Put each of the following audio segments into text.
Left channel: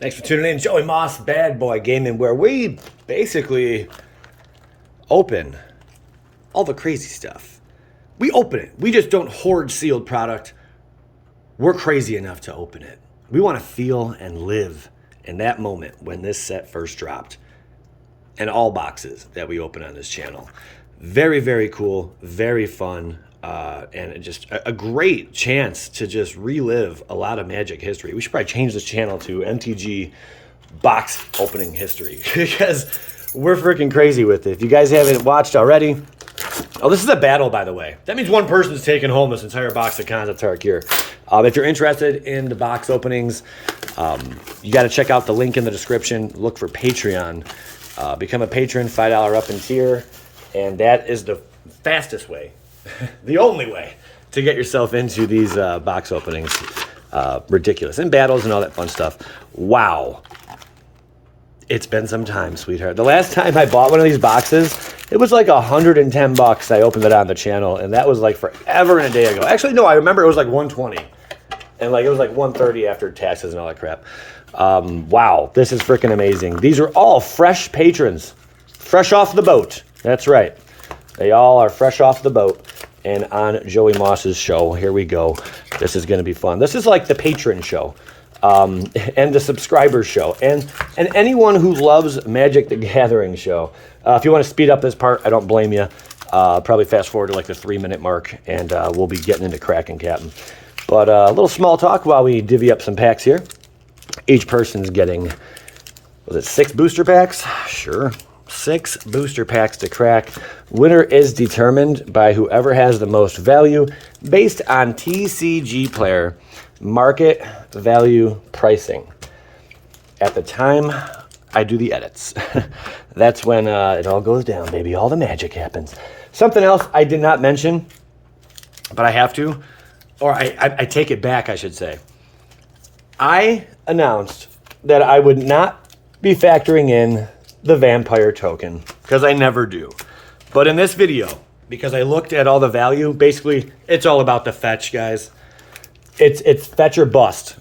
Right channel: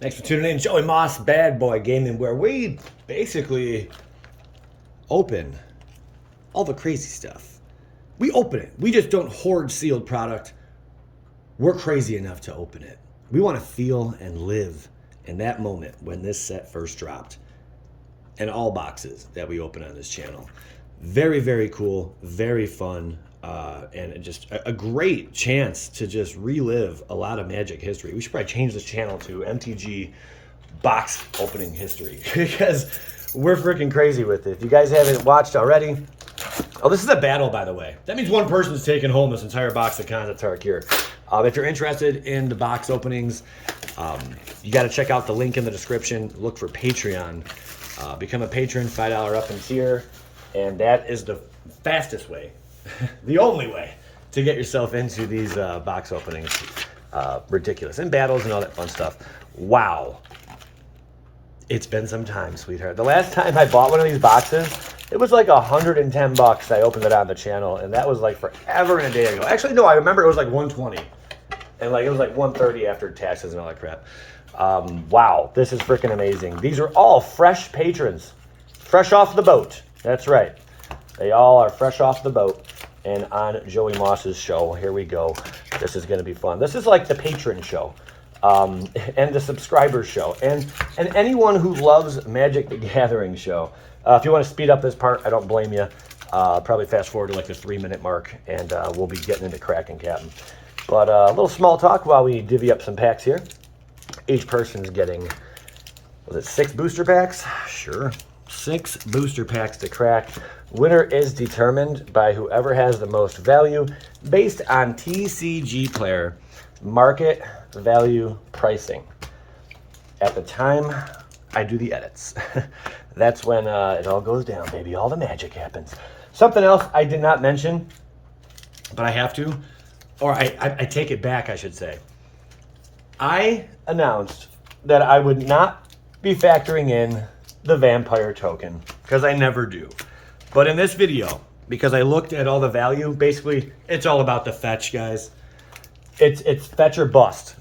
Thanks for tuning in. Joey Moss, Bad Boy Gaming, where we basically open all the crazy stuff. We open it. We just don't hoard sealed product. We're crazy enough to open it. We want to feel and live in that moment when this set first dropped. And all boxes that we open on this channel. Very, very cool, very fun, and just a great chance to just relive a lot of Magic history. We should probably change this channel to MTG box opening history because we're freaking crazy with it. If you guys haven't watched already, oh, this is a battle, by the way. That means one person's taking home this entire box of cons at Tarkir. If you're interested in the box openings, you got to check out the link in the description. Look for Patreon. Become a patron, $5 up in tier, and that is the fastest way, the only way to get yourself into these box openings. Ridiculous. And battles and all that fun stuff. Wow. It's been some time, sweetheart. The last time I bought one of these boxes, it was like $110. I opened it on the channel, and that was like forever and a day ago. Actually, no, I remember it was like 120, and like it was like 130 after taxes and all that crap. Wow, this is freaking amazing. These are all fresh patrons, fresh off the boat. That's right. They all are fresh off the boat and on Joey Moss's show. Here we go. This is going to be fun. This is like the patron show, and the subscriber show, and anyone who loves Magic the Gathering show. If you want to speed up this part, I don't blame you. Probably fast forward to like the 3-minute mark, and we'll be getting into cracking, Captain. But a little small talk while we divvy up some packs here. Each person's getting, was it 6 booster packs? Sure. 6 booster packs to crack. Winner is determined by whoever has the most value based on TCG player market value pricing. At the time I do the edits, that's when it all goes down, baby. All the magic happens. Something else I did not mention, but I have to, or I take it back, I should say. I announced that I would not be factoring in the vampire token, because I never do. But in this video, because I looked at all the value, basically it's all about the fetch, guys. It's fetch or bust.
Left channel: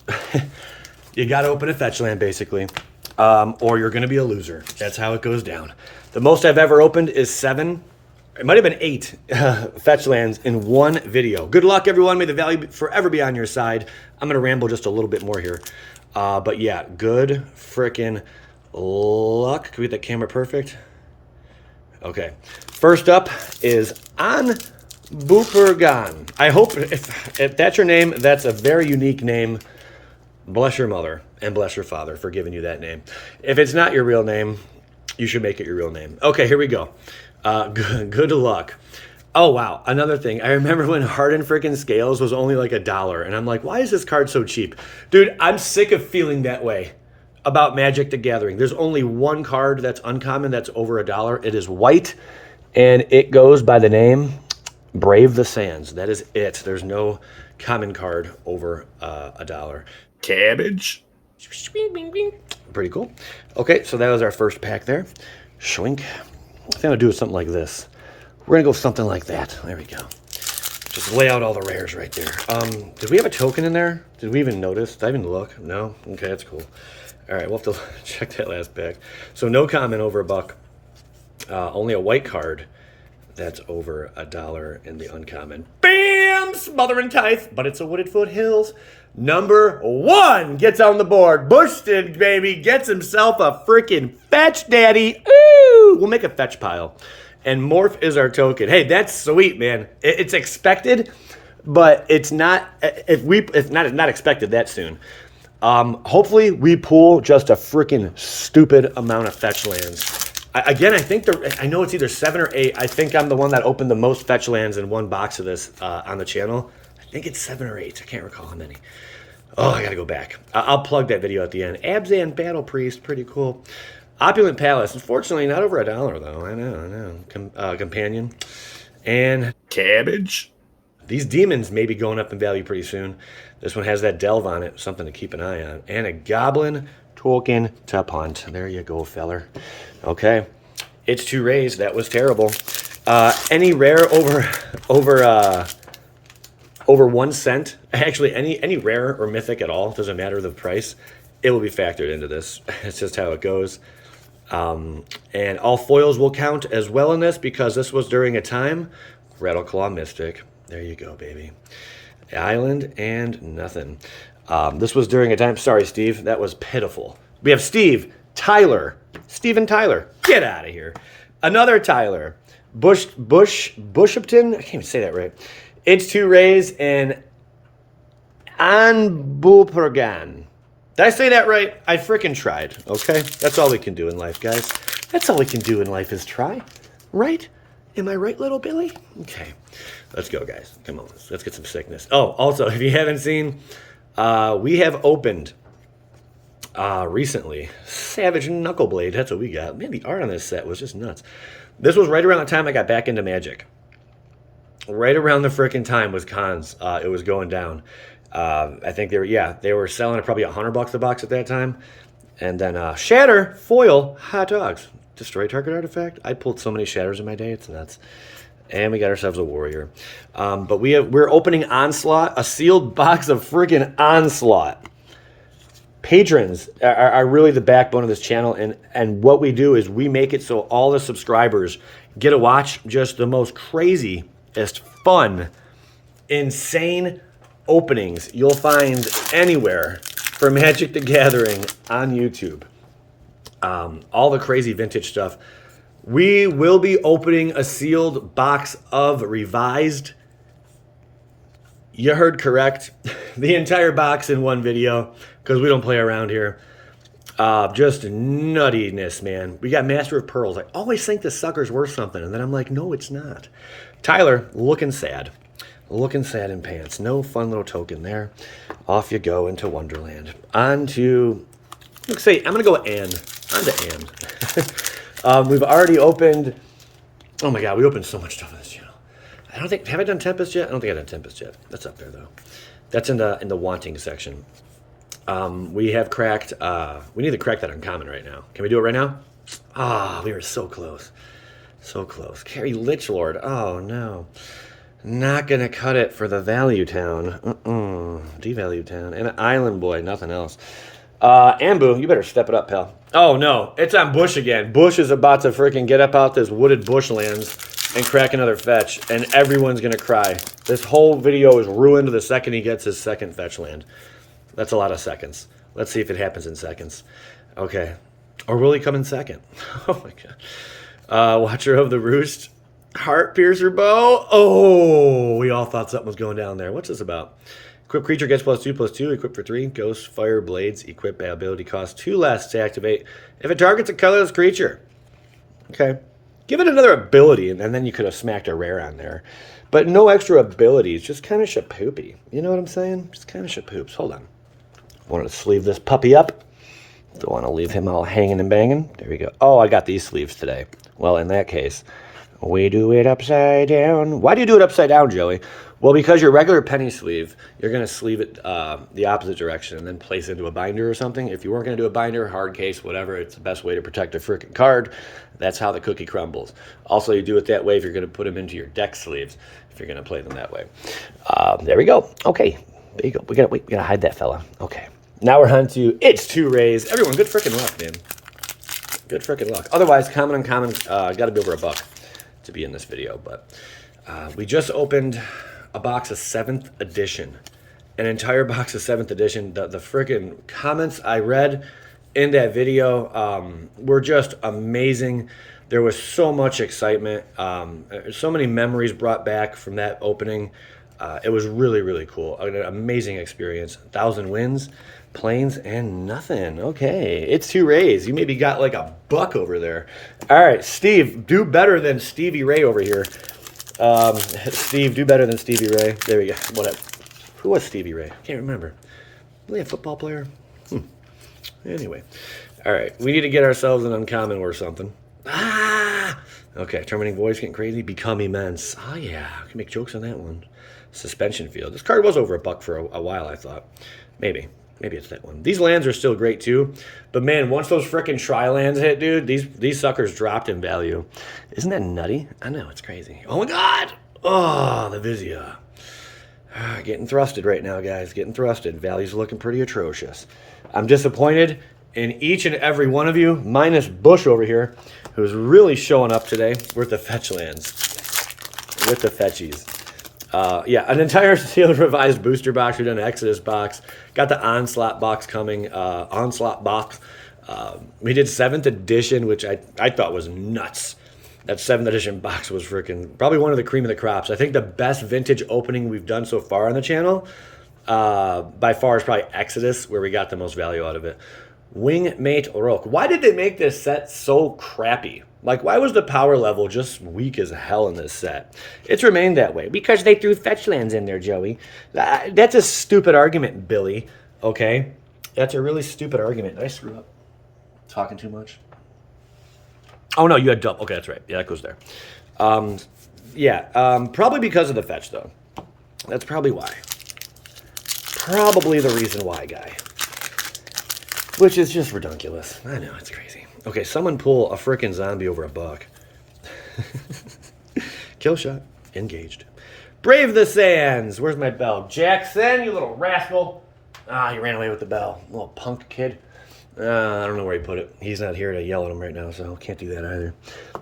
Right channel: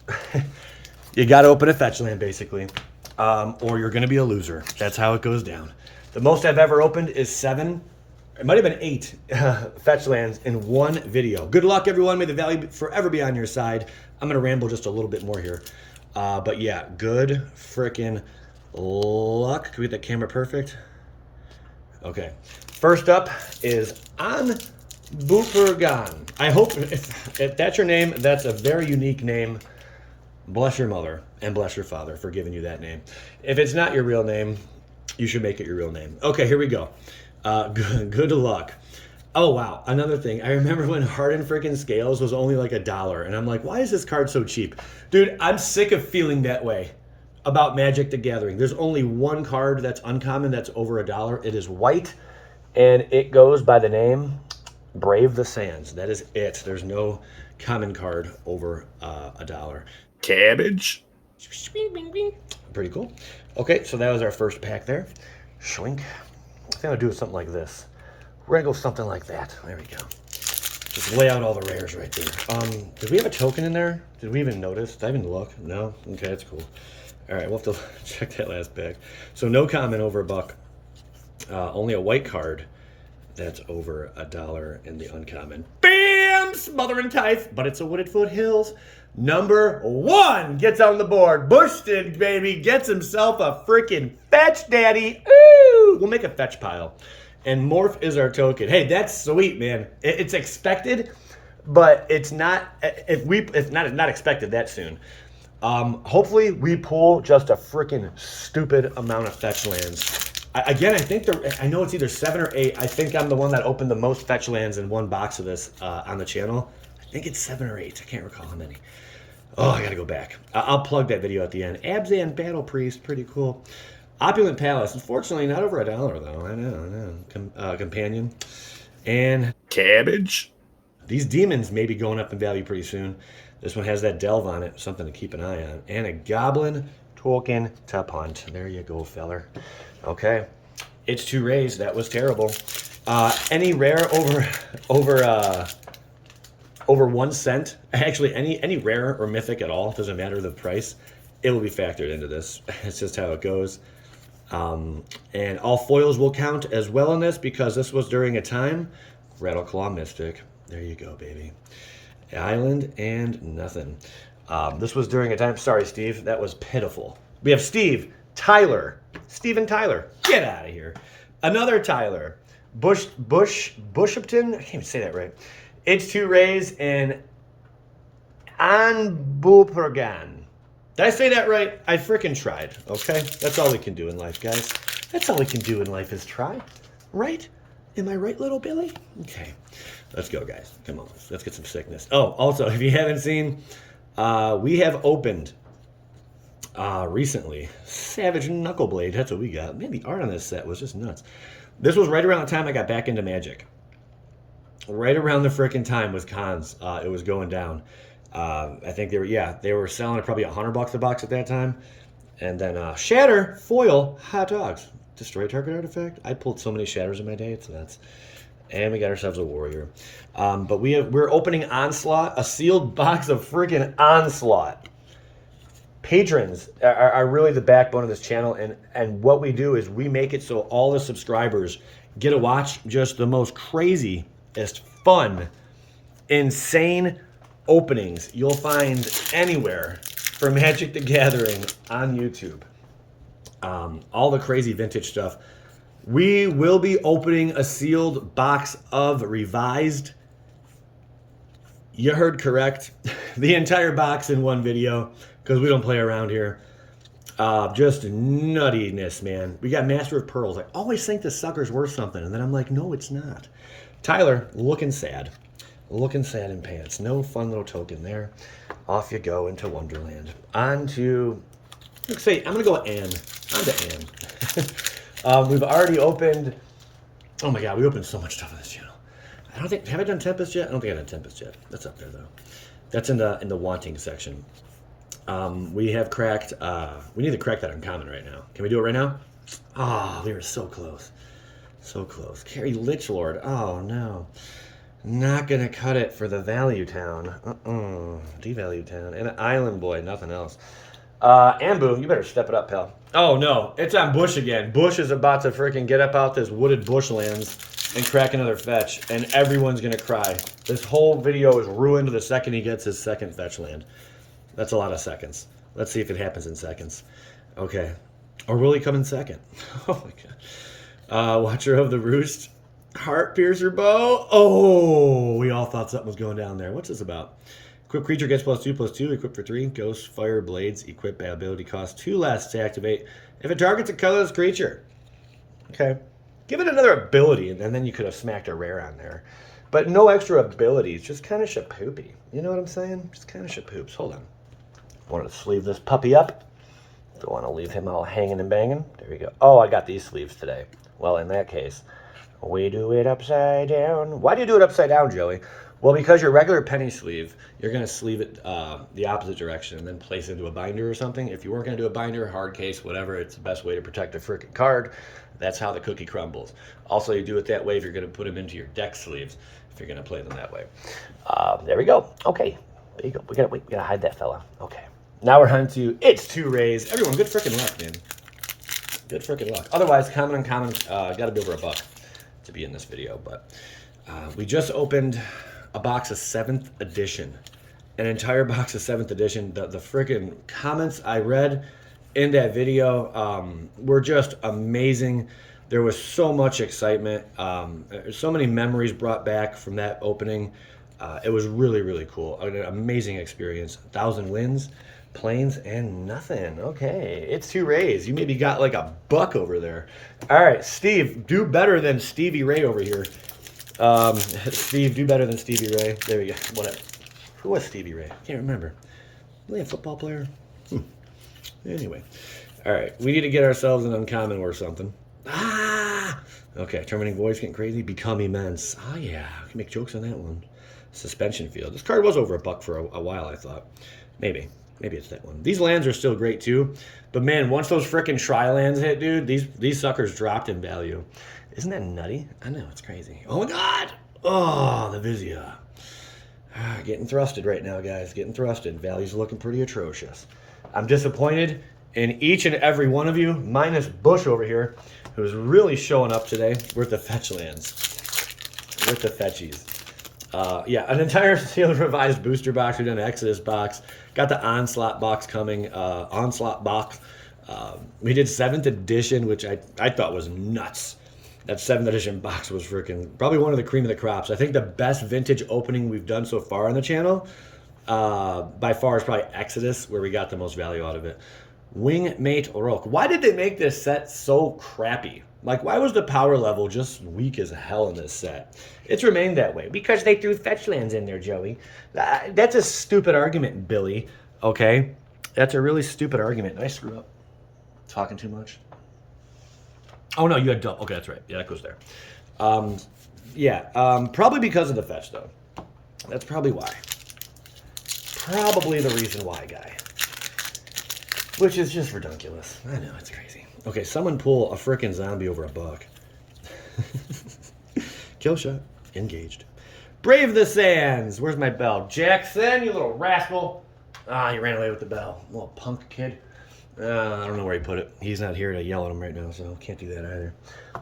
You got to open a fetch land, basically, or you're going to be a loser. That's how it goes down. The most I've ever opened is 7. It might have been 8 fetch lands in one video. Good luck, everyone. May the value forever be on your side. I'm going to ramble just a little bit more here. But yeah, good frickin' luck. Can we get that camera perfect? Okay. First up is On Boopergan. I hope, if that's your name, that's a very unique name. Bless your mother and bless your father for giving you that name. If it's not your real name, you should make it your real name. Okay, here we go. Good luck. Oh, wow. Another thing. I remember when Hardened freaking Scales was only like $1. And I'm like, why is this card so cheap? Dude, I'm sick of feeling that way about Magic the Gathering. There's only one card that's uncommon that's over $1. It is white, and it goes by the name Brave the Sands. That is it. There's no common card over $1. Cabbage. Pretty cool. Okay, so that was our first pack there. Schwink. I think I'll do something like this. We're going to go something like that. There we go. Just lay out all the rares right there. Did we have a token in there? Did we even notice? Did I even look? No? Okay, that's cool. All right, we'll have to check that last pack. So no common over $1. Only a white card that's over $1 in the uncommon. Bam! Smothering Tithe, but it's a Wooded Foothills. Number 1 gets on the board. Boosted, baby. Gets himself a freaking fetch daddy. Ooh! We'll make a fetch pile. And Morph is our token. Hey, that's sweet, man. It's expected, but it's not. It's not expected that soon. Hopefully, we pull just a freaking stupid amount of fetch lands. Again, I think I know it's either 7 or 8. I think I'm the one that opened the most fetch lands in one box of this on the channel. I think it's 7 or 8. I can't recall how many. Oh, I gotta go back. I'll plug that video at the end. Abzan Battle Priest, pretty cool. Opulent Palace, unfortunately not over $1 though. I know. Companion. And Cabbage. These demons may be going up in value pretty soon. This one has that delve on it, something to keep an eye on. And a Goblin token to punt. There you go, feller. Okay. It's 2 rays. That was terrible. Any rare over 1 cent? Actually, any rare or mythic at all, doesn't matter the price. it will be factored into this. It's just how it goes. And all foils will count as well in this because this was during a time. Rattleclaw Mystic. There you go, baby. Island and nothing. This was during a time. Sorry, Steve. That was pitiful. We have Steve, Tyler. Steve and Tyler. Get out of here. Another Tyler. Bushupton. I can't even say that right. It's 2 rays and Anbulpergan. Did I say that right? I freaking tried, okay? That's all we can do in life, guys. That's all we can do in life is try, right? Am I right, little Billy? Okay, let's go, guys. Come on, let's get some sickness. Oh, also, if you haven't seen, we have opened recently Savage Knuckleblade. That's what we got. Man, the art on this set was just nuts. This was right around the time I got back into Magic. Right around the freaking time was cons. It was going down. I think they were selling at probably $100 a box at that time. And then Shatter, foil, hot dogs. Destroy target artifact. I pulled so many Shatters in my day, it's nuts. And we got ourselves a Warrior. But we're opening Onslaught, a sealed box of freaking Onslaught. Patrons are really the backbone of this channel, and what we do is we make it so all the subscribers get to watch just the most craziest, fun, insane openings you'll find anywhere for Magic the Gathering on YouTube. All the crazy vintage stuff. We will be opening a sealed box of Revised. You heard correct. The entire box in one video, because we don't play around here. Just nuttiness, man. We got Master of Pearls. I always think this sucker's worth something, and then I'm like, no, it's not. Tyler, looking sad. Looking sad in pants. No fun little token there. Off you go into Wonderland. On to, let's say, I'm going to go with Anne. On to Anne. We've already opened, oh my god, we opened so much stuff on this channel. I don't think, have I done Tempest yet? I don't think I've done Tempest yet. That's up there, though. That's in the wanting section. We have cracked, we need to crack that uncommon right now. Can we do it right now? Ah, we were so close. So close. Carry Lichlord. Oh, no. Not going to cut it for the Value Town. Devalue Town. And an Island Boy, nothing else. Ambu, you better step it up, pal. Oh, no. It's on Bush again. Bush is about to freaking get up out this wooded bushlands and crack another fetch, and everyone's going to cry. This whole video is ruined the second he gets his second fetch land. That's a lot of seconds. Let's see if it happens in seconds. Okay. Or will he come in second? Oh, my God. Watcher of the Roost. Heart Piercer Bow. Oh, we all thought something was going down there. What's this about? Equip creature gets +2/+2. Equip for 3. Ghost, Fire, Blades. Equip ability cost 2 less to activate if it targets a colorless creature. Okay. Give it another ability, and then you could have smacked a rare on there. But no extra abilities. Just kind of shapoopy. You know what I'm saying? Just kind of shapoops. Hold on. I want to sleeve this puppy up. Don't want to leave him all hanging and banging. There we go. Oh, I got these sleeves today. Well, in that case, we do it upside down. Why do you do it upside down, Joey? Well, because your regular penny sleeve, you're going to sleeve it the opposite direction and then place it into a binder or something. If you weren't going to do a binder, hard case, whatever, it's the best way to protect a freaking card. That's how the cookie crumbles. Also, you do it that way if you're going to put them into your deck sleeves, if you're going to play them that way. There we go. Okay. There you go. We got to hide that fella. Okay. Now we're on to It's 2 Rays. Everyone, good freaking luck, man. Good freaking luck. Otherwise, common, uncommon, got to be over $1 to be in this video. But we just opened a box of 7th edition. An entire box of 7th edition. The freaking comments I read in that video were just amazing. There was so much excitement. So many memories brought back from that opening. It was really, really cool. An amazing experience. 1,000 wins. Planes and nothing. Okay, It's 2 Rays. You maybe got like $1 over there. All right, Steve, do better than Stevie Ray over here. Steve, do better than Stevie Ray. There we go. What up? Who was Stevie Ray? Can't remember. Really a football player? Anyway, all right. We need to get ourselves an uncommon or something. Ah! Okay, Terminating Voice getting crazy. Become Immense. Oh yeah, I can make jokes on that one. Suspension Field. This card was over $1 for a while, I thought. Maybe it's that one. These lands are still great too, but man, once those frickin' tri-lands hit, dude, these suckers dropped in value. Isn't that nutty? I know, it's crazy. Oh my god! Oh, the Vizia. Getting thrusted right now, guys. Getting thrusted. Value's looking pretty atrocious. I'm disappointed in each and every one of you, minus Bush over here, who's really showing up today. We're at the Fetchlands. With the Fetchies. Yeah, an entire sealed revised booster box. We've done an Exodus box. Got the Onslaught box coming. Onslaught box. We did 7th edition, which I thought was nuts. That 7th edition box was freaking probably one of the cream of the crops. I think the best vintage opening we've done so far on the channel, by far, is probably Exodus, where we got the most value out of it. Wingmate Rook. Why did they make this set so crappy? Like, why was the power level just weak as hell in this set? It's remained that way. Because they threw Fetchlands in there, Joey. That's a stupid argument, Billy. Okay? That's a really stupid argument. Did I screw up? Talking too much? Oh, no, you had double. Okay, that's right. Yeah, that goes there. Probably because of the fetch, though. That's probably why. Probably the reason why, guy. Which is just ridiculous. I know, it's crazy. Okay, someone pull a frickin' zombie over a buck. Kill shot. Engaged. Brave the Sands. Where's my bell? Jackson, you little rascal. Ah, he ran away with the bell. Little punk kid. I don't know where he put it. He's not here to yell at him right now, so can't do that either.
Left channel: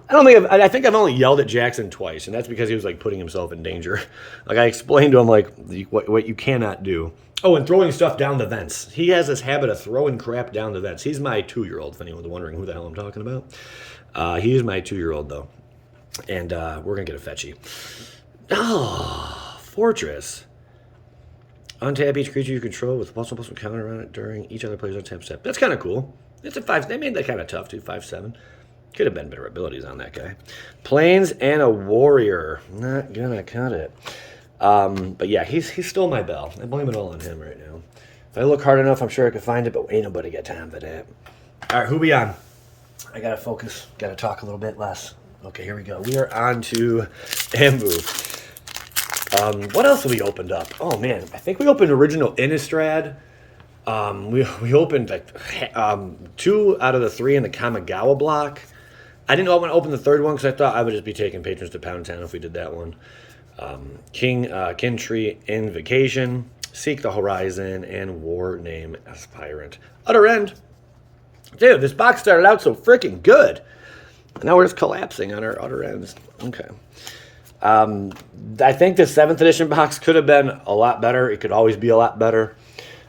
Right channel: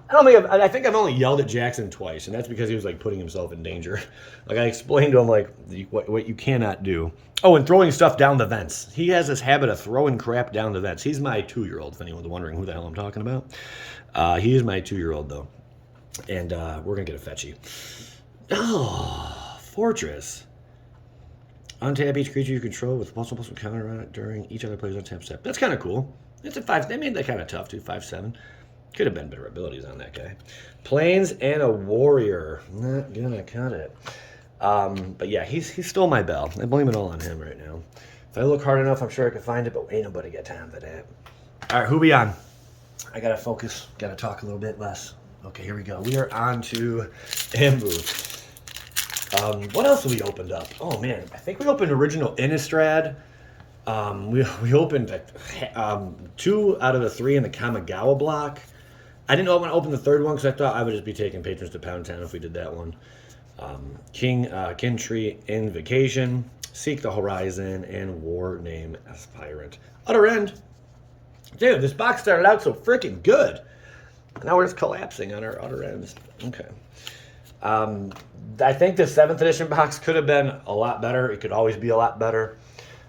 I think I've only yelled at Jackson twice, and that's because he was like putting himself in danger. Like, I explained to him like what you cannot do. Oh, and throwing stuff down the vents. He has this habit of throwing crap down the vents. He's my 2-year-old, if anyone's wondering who the hell I'm talking about. He is my 2-year-old, though. And we're going to get a fetchy. Oh, Fortress. Untap each creature you control with +1/+1 counter on it during each other player's untap step. That's kind of cool. It's a 5. They made that kind of tough, too. 5/7. Could have been better abilities on that guy. Plains and a warrior. Not gonna cut it. But yeah, he stole my bell. I blame it all on him right now. If I look hard enough, I'm sure I could find it, but ain't nobody got time for that. All right, who we on? I gotta focus. Gotta talk a little bit less. Okay, here we go. We are on to Ambu. What else have we opened up? Oh man, I think we opened original Innistrad. We opened like 2 out of the 3 in the Kamigawa block. I didn't want to open the 3rd one because I thought I would just be taking patrons to Pound Town if we did that one. Kin Tree Invocation, Seek the Horizon, and War Name Aspirant. Utter End. Dude, this box started out so freaking good. Now we're just collapsing on our utter ends. Okay. I think the 7th edition box could have been a lot better. It could always be a lot better.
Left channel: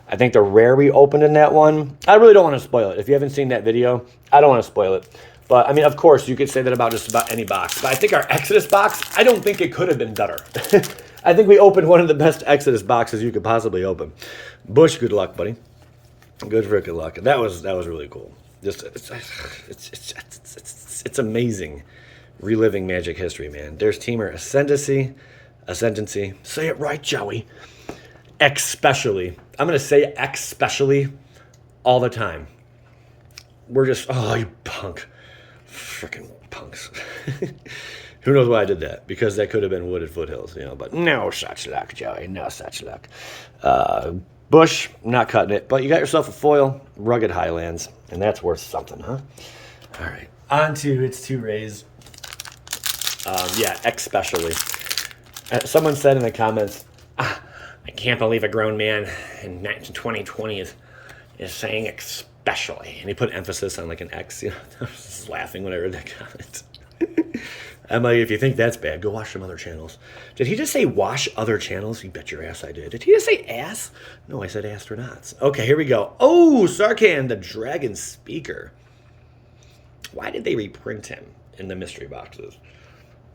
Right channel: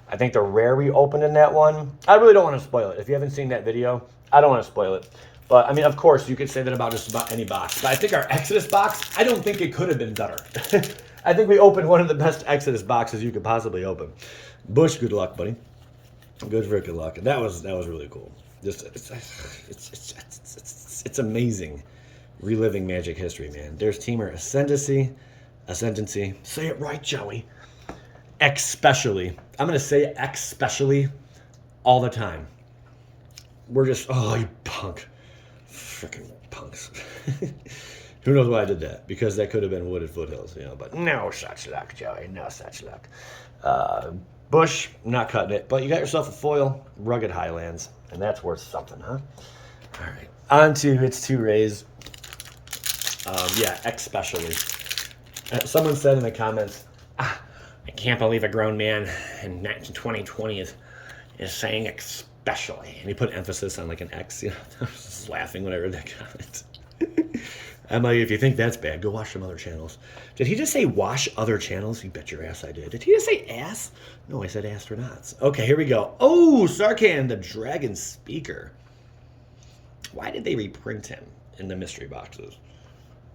I think the rare we opened in that one, I really don't want to spoil it. If you haven't seen that video, I don't want to spoil it. But, I mean, of course, you could say that about just about any box. But I think our Exodus box, I don't think it could have been better. I think we opened one of the best Exodus boxes you could possibly open. Bush, good luck, buddy. Good freaking luck. That was really cool. Just it's amazing reliving Magic history, man. There's Teamer Ascendancy. Say it right, Joey. Especially. I'm going to say especially all the time. We're just, oh, you punk. Freaking punks. Who knows why I did that? Because that could have been Wooded Foothills, but no such luck, Joey. No such luck. Bush, not cutting it. But you got yourself a foil, Rugged Highlands, and that's worth something, huh? All right. On to its 2 rays. Especially. Someone said in the comments, I can't believe a grown man in 2020 is saying especially. And he put emphasis on like an X. I was just laughing when I read that comment. I'm like, if you think that's bad, go watch some other channels. Did he just say wash other channels? You bet your ass I did. Did he just say ass? No, I said astronauts. Okay, here we go. Oh, Sarkhan, the Dragon Speaker. Why did they reprint him in the mystery boxes?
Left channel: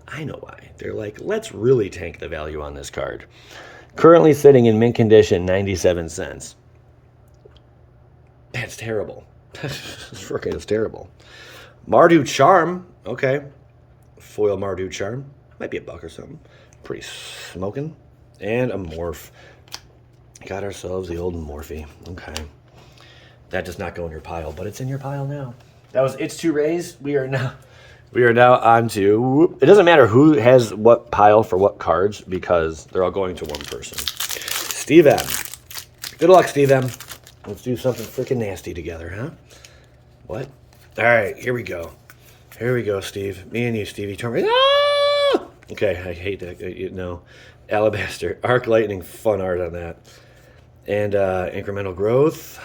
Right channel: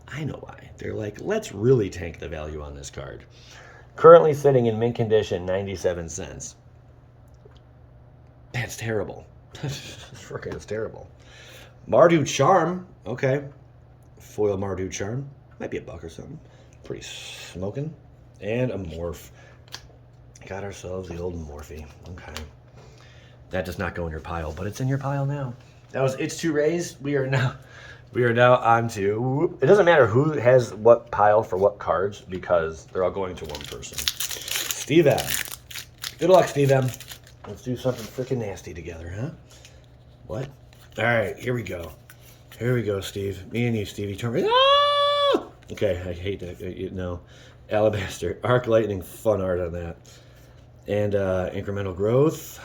I know why. They're like, let's really tank the value on this card. Currently sitting in mint condition, 97 cents. That's terrible. Freaking, it's terrible. Mardu Charm. Okay. Foil Mardu Charm. Might be $1 or something. Pretty smoking. And a Morph. Got ourselves the old Morphe. Okay. That does not go in your pile, but it's in your pile now. That was its 2 rays. We are now on to, it doesn't matter who has what pile for what cards because they're all going to one person. Steve M. Good luck, Steve M. Let's do something freaking nasty together, huh? What? All right, here we go. Here we go, Steve. Me and you, Stevie. Turn me. Ah! Okay, I hate that. No. Alabaster. Arc Lightning. Fun art on that. And incremental growth.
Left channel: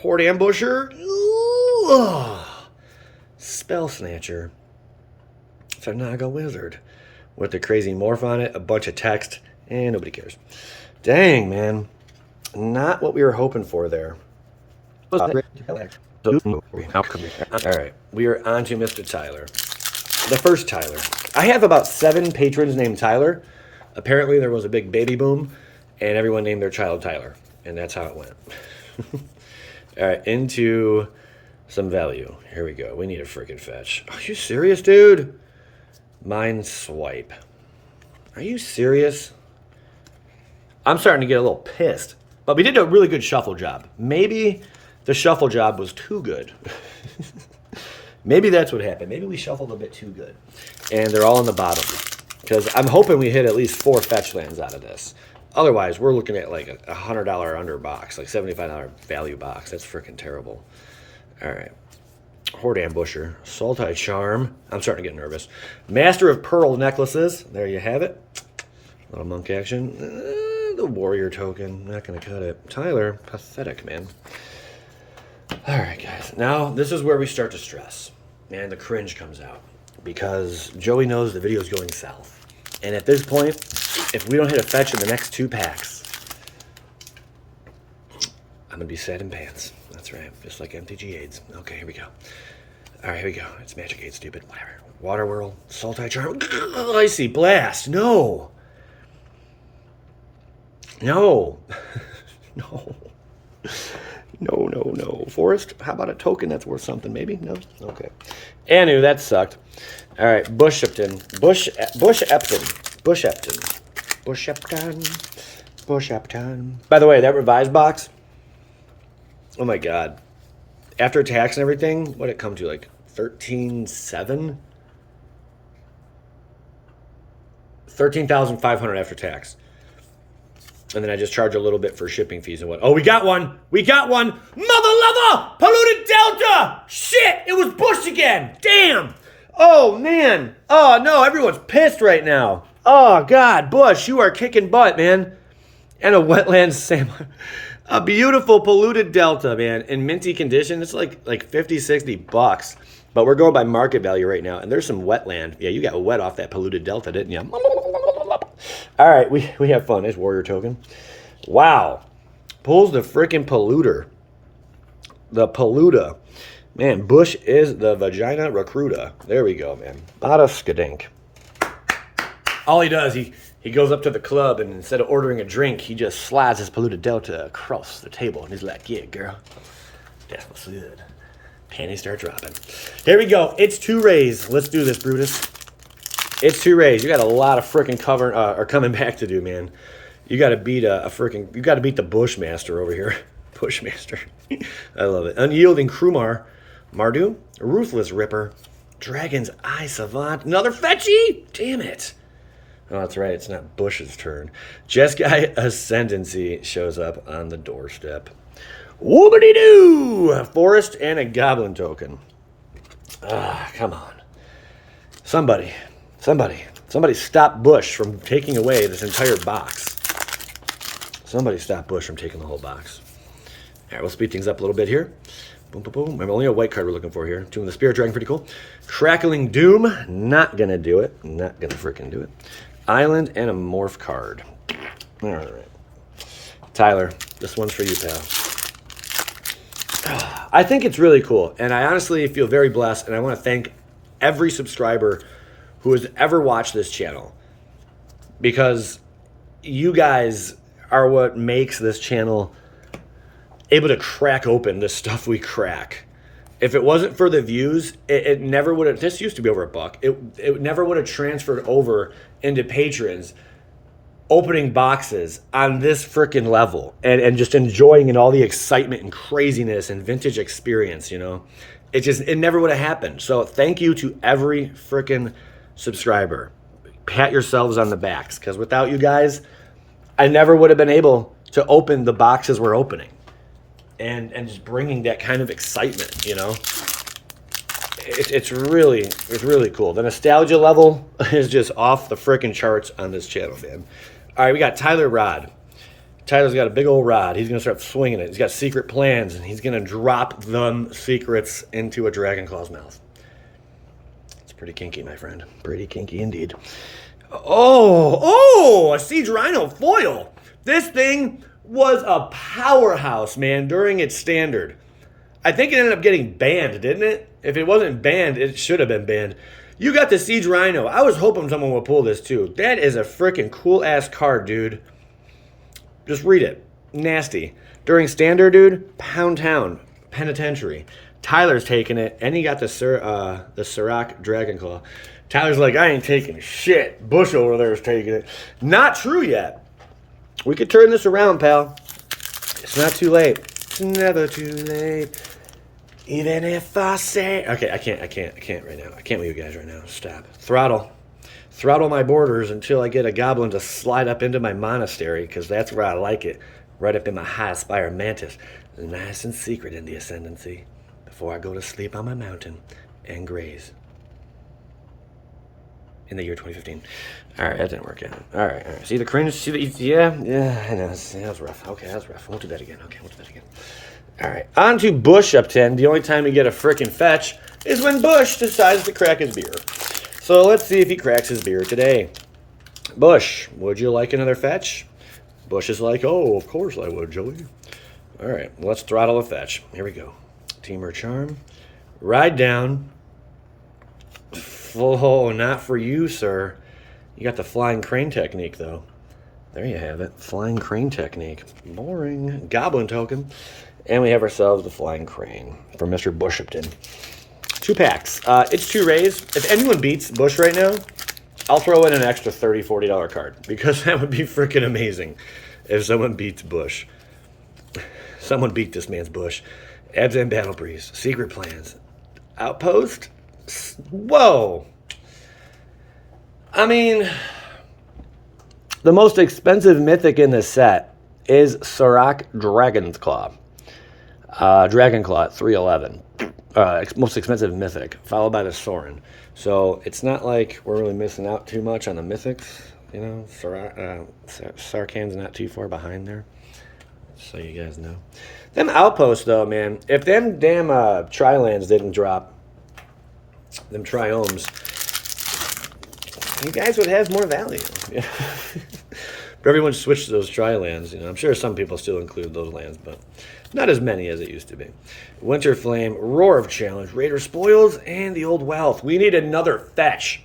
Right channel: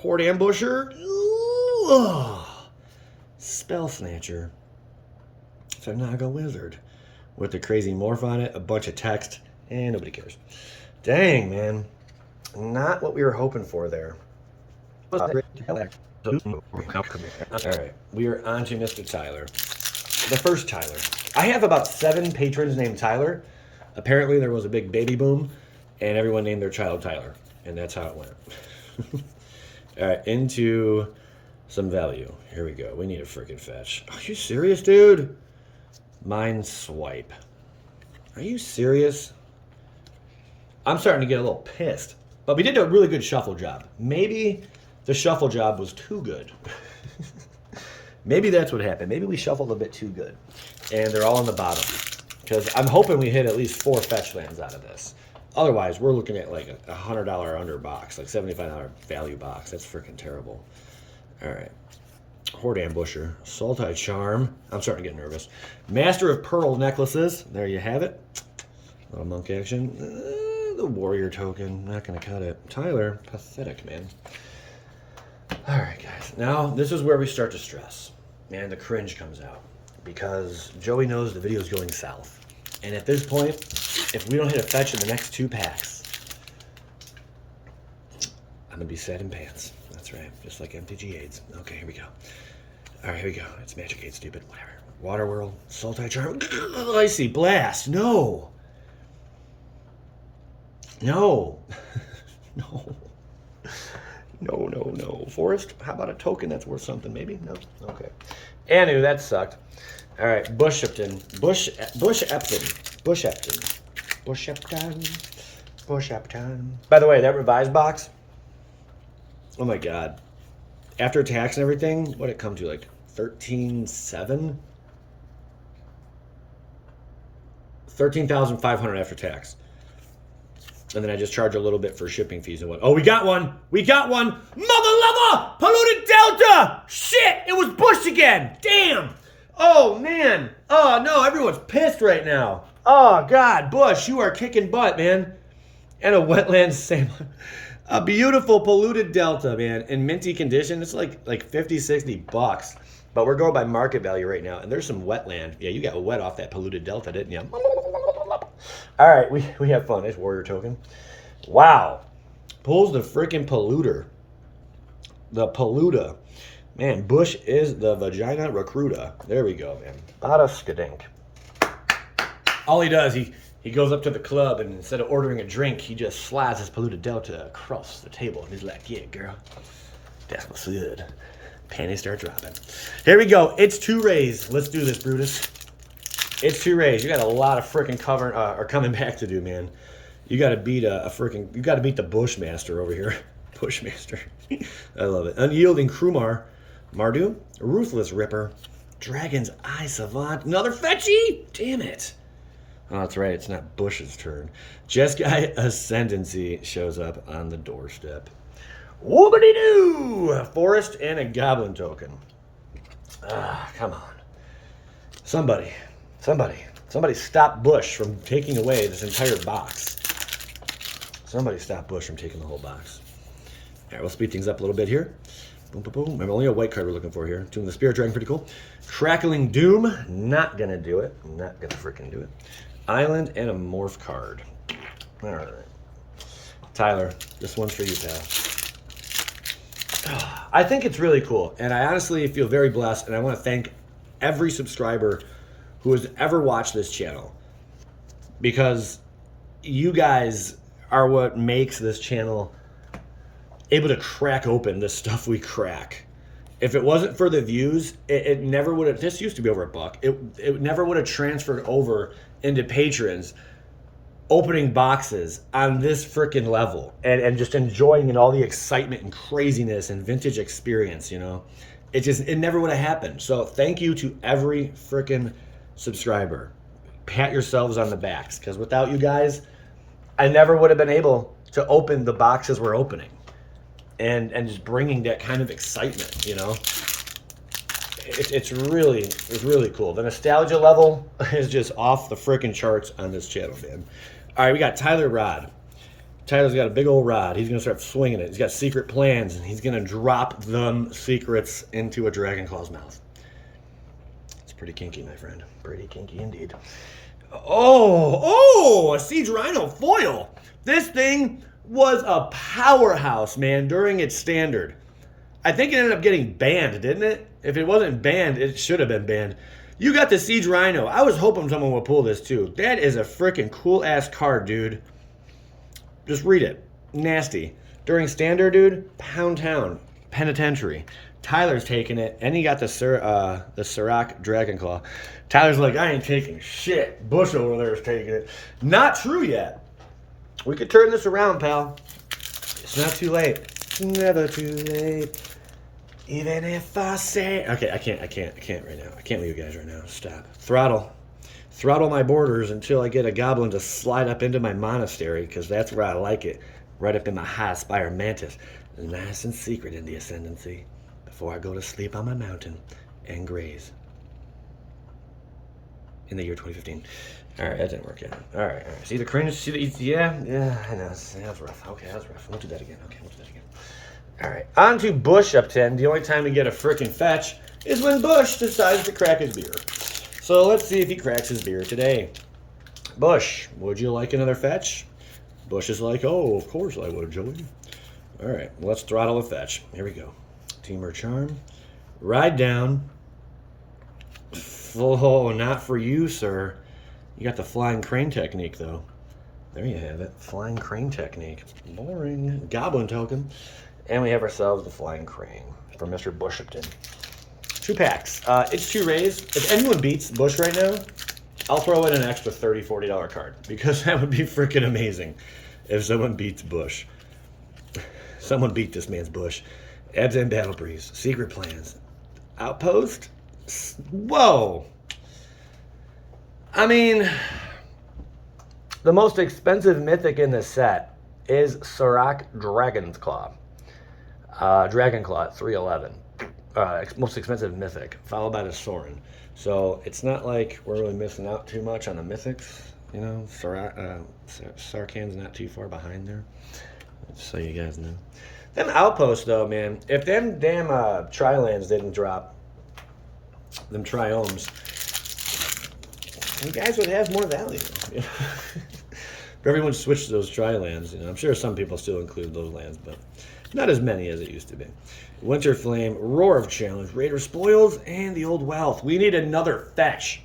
Horde Ambusher. Ooh. Spell Snatcher. It's a Naga Wizard with the crazy morph on it, a bunch of text, and nobody cares. Dang, man. Not what we were hoping for there. All right, we are on to Mr. Tyler. The first Tyler. I have about 7 patrons named Tyler. Apparently there was a big baby boom, and everyone named their child Tyler, and that's how it went. All right, into some value. Here we go. We need a freaking fetch. Are you serious, dude? Mind Swipe. Are you serious? I'm starting to get a little pissed. But we did a really good shuffle job. Maybe the shuffle job was too good. Maybe that's what happened. Maybe we shuffled a bit too good. And they're all in the bottom. Because I'm hoping we hit at least 4 fetch lands out of this. Otherwise, we're looking at like a $100 under box, like $75 value box. That's freaking terrible. All right. Horde Ambusher, Sultai Charm. I'm starting to get nervous. Master of Pearl Necklaces. There you have it. Little monk action. The Warrior Token. Not going to cut it. Tyler, pathetic, man. All right, guys. Now, this is where we start to stress. And the cringe comes out. Because Joey knows the video is going south. And at this point, if we don't hit a fetch in the next 2 packs, I'm going to be sad in pants. That's right. Just like MTG AIDS. Okay, here we go. All right, here we go. It's Magic 8, stupid. Whatever. Water Whirl. Sultai Charm. Icy Blast. No. No. No. No. Forest? How about a token that's worth something, maybe? No? Okay. Anu, that sucked. All right, Bush Epton. Bush Epton. By the way, that revised box, oh my God. After tax and everything, what did it come to, like 13,700? 13,500 after tax. And then I just charge a little bit for shipping fees and what. Oh, we got one. We got one. Mother lover! Polluted Delta! Shit! It was Bush again! Damn! Oh, man. Oh, no. Everyone's pissed right now. Oh, God. Bush, you are kicking butt, man. And a Wetlands Samurai. A beautiful Polluted Delta, man. In minty condition. It's like 50, 60 bucks. But we're going by market value right now. And there's some wetland. Yeah, you got wet off that Polluted Delta, didn't you? All right, we have fun. There's Warrior Token. Wow. Pulls the freaking polluter. The polluta. Man, Bush is the vagina recruiter. There we go, man. Bada skadink. All he does, he goes up to the club, and instead of ordering a drink, he just slides his Polluted Delta across the table. And he's like, yeah, girl. That's what's good. Panties start dropping. Here we go. It's 2 rays. Let's do this, Brutus. It's 2 rays. You got a lot of freaking cover or coming back to do, man. You got to beat you got to beat the Bushmaster over here. Bushmaster. I love it. Unyielding Krumar, Mardu, Ruthless Ripper, Dragon's Eye Savant, another fetchy. Damn it. Oh, that's right. It's not Bush's turn. Jeskai Ascendancy shows up on the doorstep. Whoopity-doo! Forest and a Goblin Token. Ah, come on. Somebody stop Bush from taking away this entire box. Somebody stop Bush from taking the whole box. All right, we'll speed things up a little bit here. Boom, boom, boom. I'm only a white card we're looking for here. Tomb of the Spirit Dragon, pretty cool. Crackling Doom, not gonna do it. Not gonna freaking do it. Island and a morph card. All right. Tyler, this one's for you, pal. I think it's really cool, and I honestly feel very blessed, and I want to thank every subscriber who has ever watched this channel, because you guys are what makes this channel able to crack open the stuff we crack. If it wasn't for the views, it never would have, this used to be over $1. It never would have transferred over into patrons opening boxes on this freaking level and just enjoying in all the excitement and craziness and vintage experience, you know? It never would have happened. So thank you to every freaking subscriber. Pat yourselves on the backs, because without you guys, I never would have been able to open the boxes we're opening and just bringing that kind of excitement, you know? It's really cool. The nostalgia level is just off the freaking charts on this channel, man. All right, we got Tyler Rod. Tyler's got a big old rod. He's going to start swinging it. He's got secret plans, and he's going to drop them secrets into a dragon claw's mouth. It's pretty kinky, my friend. Pretty kinky indeed. Oh, a Siege Rhino foil. This thing was a powerhouse, man, during its standard. I think it ended up getting banned, didn't it? If it wasn't banned, it should have been banned. You got the Siege Rhino. I was hoping someone would pull this too. That is a freaking cool-ass card, dude. Just read it. Nasty. During standard, dude, Pound Town, Penitentiary. Tyler's taking it, and he got the Sirac Dragonclaw. Tyler's like, I ain't taking shit. Bush over there is taking it. Not true yet. We could turn this around, pal. It's not too late. It's never too late. Even if I say... Okay, I can't right now. I can't with you guys right now. Stop. Throttle my borders until I get a goblin to slide up into my monastery, because that's where I like it. Right up in my high spire mantis. Nice and secret in the ascendancy. Before I go to sleep on my mountain and graze. In the year 2015. Alright, that didn't work out. Alright. See the cringe? See the... Yeah, I know. That was rough. Okay, that was rough. Won't do that again. Alright, on to Bush Upton. The only time we get a frickin' fetch is when Bush decides to crack his beer. So let's see if he cracks his beer today. Bush, would you like another fetch? Bush is like, oh, of course I would, Joey. Alright, let's throttle a fetch. Here we go. Teamer Charm. Ride down. Oh, not for you, sir. You got the flying crane technique, though. There you have it. Flying crane technique. Boring. Goblin token. And we have ourselves the flying crane from Mr. Bush Upton. 2 packs. It's 2 rays. If anyone beats Bush right now, I'll throw in an extra $30, $40 card. Because that would be freaking amazing if someone beats Bush. Someone beat this man's Bush. Ebs and Battle Breeze. Secret Plans. Outpost. Whoa. I mean, the most expensive mythic in this set is Sirac Dragonclaw. Dragonclaw at 311. Most expensive mythic, followed by the Sorin. So it's not like we're really missing out too much on the mythics. You know, Sarkhan's not too far behind there. So you guys know. Them outposts, though, man. If them damn Tri-lands didn't drop, them Triomes, you guys would have more value. But everyone switched to those Tri-lands. You know, I'm sure some people still include those lands, but not as many as it used to be. Winter Flame, Roar of Challenge, Raider Spoils, and the Old Wealth. We need another fetch.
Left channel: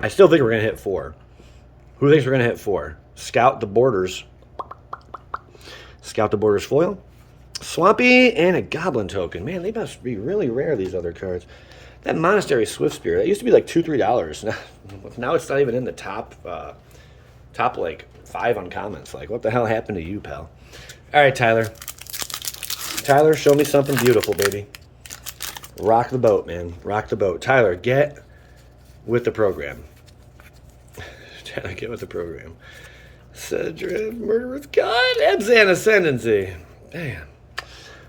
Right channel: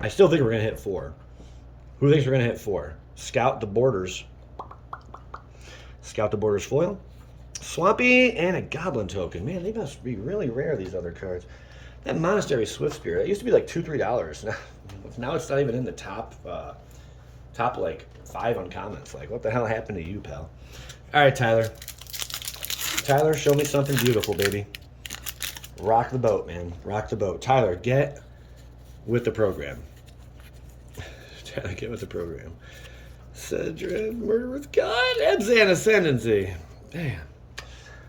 I still think we're going to hit 4. Who thinks we're going to hit 4? Scout the Borders. Scout the Borders foil. Swampy, and a Goblin token. Man, they must be really rare, these other cards. That Monastery Swift Spear, that used to be like $2, $3. Now it's not even in the top like 5 uncommons. Like, what the hell happened to you, pal? All right, Tyler. Tyler, show me something beautiful, baby. Rock the boat, man. Rock the boat. Tyler, get with the program. Tyler, get with the program. Cedric, Murder with God, Ebzan Ascendancy. Damn.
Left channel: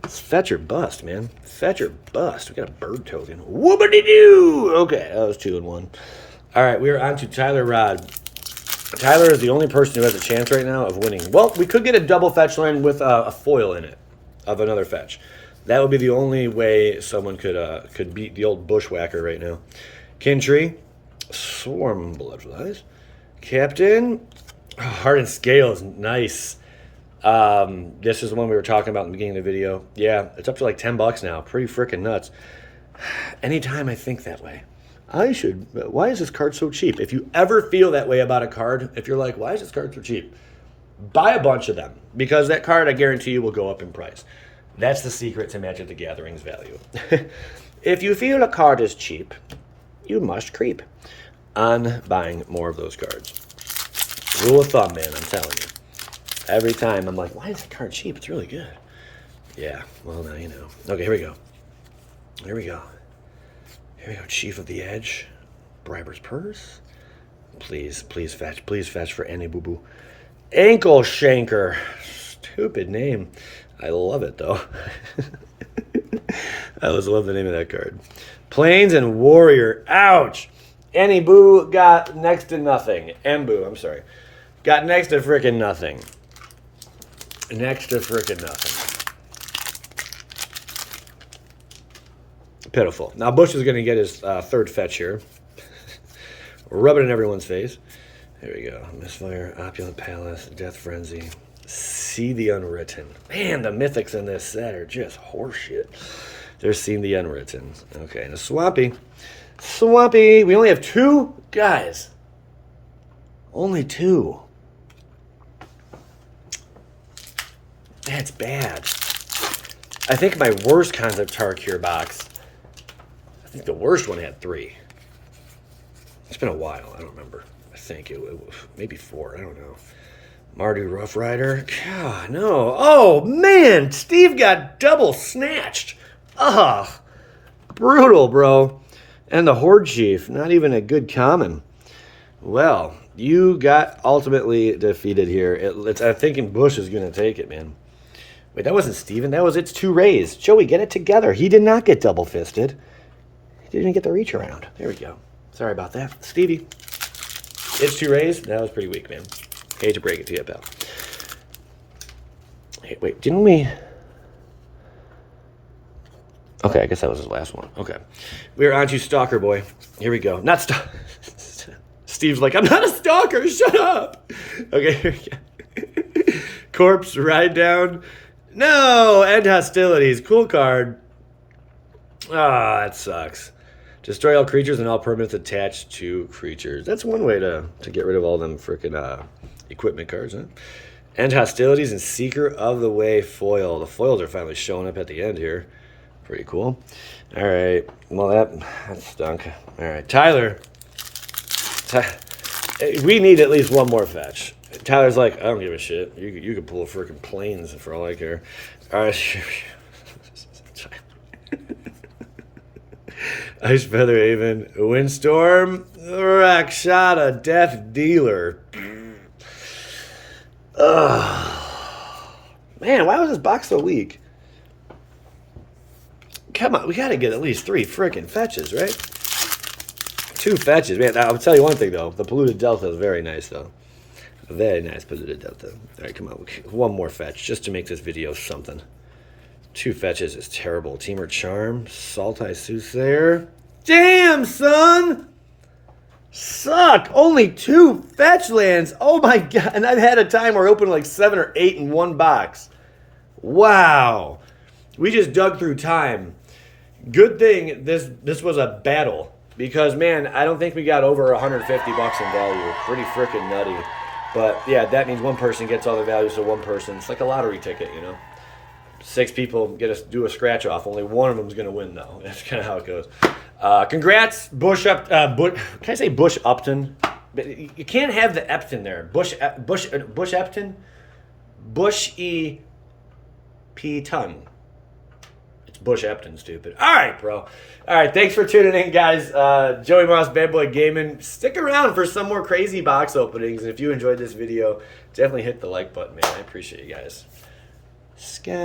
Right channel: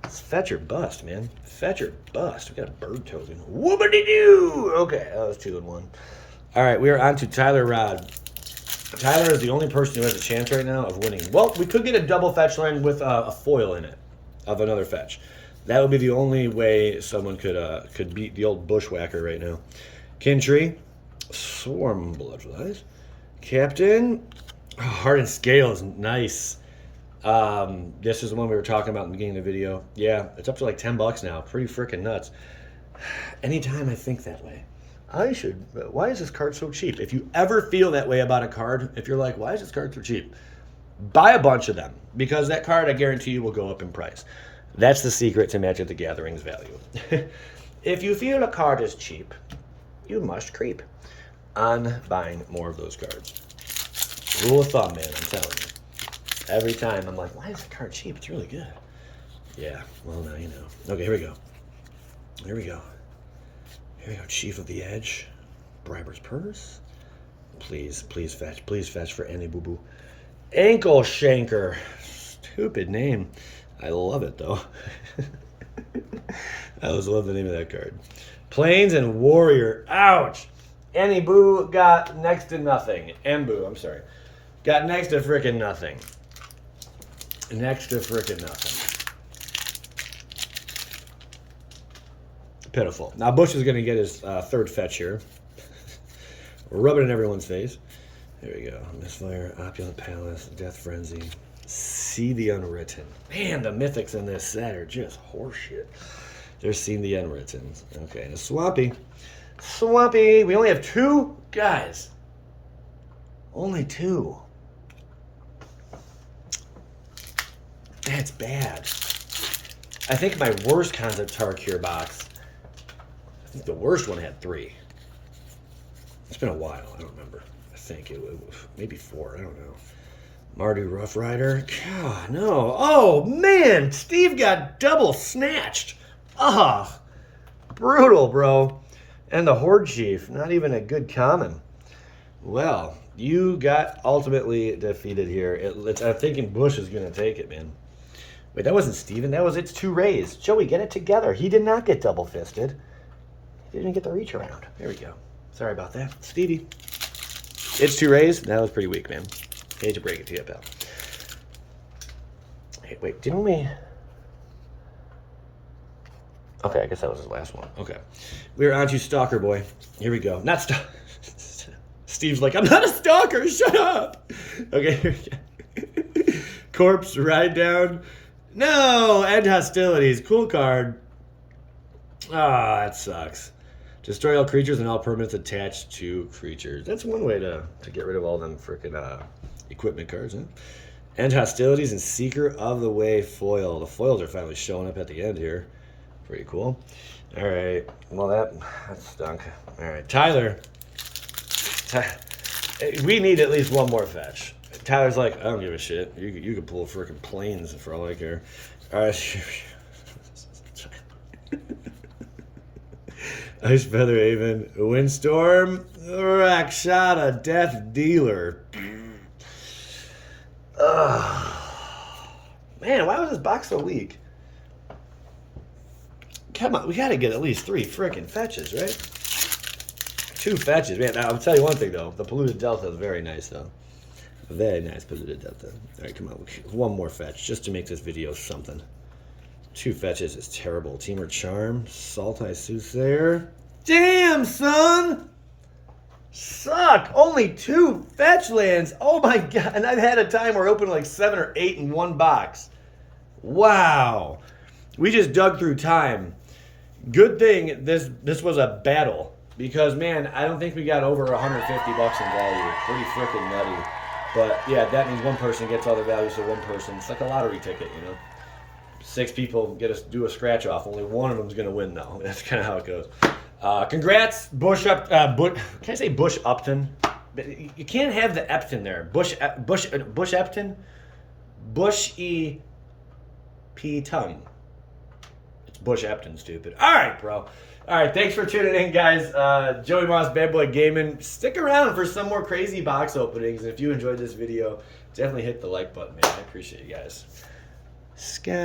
It's fetch or bust, man. Fetch or bust. We got a bird token. Whoopity-doo! Okay, that was 2 in 1. All right, we are on to Tyler Rod. Tyler is the only person who has a chance right now of winning. Well, we could get a double fetch land with a foil in it of another fetch. That would be the only way someone could beat the old bushwhacker right now. Kintree, Swarm Bloodflies, Captain, Heart and Scales, nice. This is the one we were talking about in the beginning of the video. Yeah, it's up to like $10 now. Pretty freaking nuts. Anytime I think that way, why is this card so cheap? If you ever feel that way about a card, if you're like, why is this card so cheap? Buy a bunch of them, because that card, I guarantee you, will go up in price. That's the secret to Magic the Gathering's value. If you feel a card is cheap, you must creep on buying more of those cards. Rule of thumb, man, I'm telling you. Every time I'm like, why is the card cheap? It's really good. Yeah, well, now you know. Okay, here we go. Here we go. Here we go, Chief of the Edge. Briber's Purse. Please fetch for any boo-boo. Ankle Shanker. Stupid name. I love it, though. I always love the name of that card. Plains and Warrior. Ouch. Any boo got next to nothing. Embu, I'm sorry. Got next to freaking nothing. Next to frickin' nothing. Pitiful. Now Bush is going to get his third fetch here. Rub it in everyone's face. There we go. Misfire, Opulent Palace, Death Frenzy. See the Unwritten. Man, the mythics in this set are just horseshit. They're Seeing the Unwritten. Okay, and a Swampy. Swampy. We only have 2 guys. Only 2. That's bad. I think my worst concept Tarkir box, I think the worst one had 3. It's been a while. I don't remember. I think it was maybe 4. I don't know. Mardu Rough Rider. God, no. Oh, man. Steve got double snatched. Ah, brutal, bro. And the Horde Chief. Not even a good common. Well, you got ultimately defeated here. I'm thinking Bush is going to take it, man. Wait, that wasn't Steven. That was It's 2 Rays. Joey, get it together. He did not get double fisted. He didn't even get the reach around. There we go. Sorry about that. Stevie. It's 2 Rays. That was pretty weak, man. Hate to break it to you, pal. Hey, wait, didn't we... Okay, I guess that was his last one. Okay. We're on to Stalker Boy. Here we go. Not Stalker. Steve's like, I'm not a stalker. Shut up. Okay, here we go. Corpse, Ride Down. No, End Hostilities. Cool card. Ah, that sucks. Destroy all creatures and all permanents attached to creatures. That's one way to get rid of all them freaking equipment cards, huh? End Hostilities and Seeker of the Way foil. The foils are finally showing up at the end here. Pretty cool. All right. Well, that stunk. All right. Tyler. We need at least one more fetch. Tyler's like, I don't give a shit. You can pull freaking planes for all I care. All right. Ice Feather Haven, Windstorm, Rakshata, Death Dealer. Man, why was this box so weak? Come on, we gotta get at least 3 freaking fetches, right? 2 fetches. Man, I'll tell you one thing though. The Polluted Delta is very nice though. Very nice Polluted Delta. All right, come on. One more fetch just to make this video something. 2 fetches is terrible. Teamer Charm, Saltai Soothsayer. Damn, son! Suck! Only 2 fetch lands. Oh my god. And I've had a time where I opened like 7 or 8 in one box. Wow. We just dug through time. Good thing this was a battle. Because, man, I don't think we got over 150 bucks in value. Pretty freaking nutty. But, yeah, that means one person gets all the value, so one person. It's like a lottery ticket, you know? 6 people do a scratch off. Only one of them's going to win, though. That's kind of how it goes. Congrats, Bush can I say Bush Upton? You can't have the Epton there. Bush Epton? Bush E. P. Ton. It's Bush Epton, stupid. All right, bro. All right, thanks for tuning in, guys. Joey Moss, Bad Boy Gaming. Stick around for some more crazy box openings. And if you enjoyed this video, definitely hit the like button, man. I appreciate you guys. Skadoosh.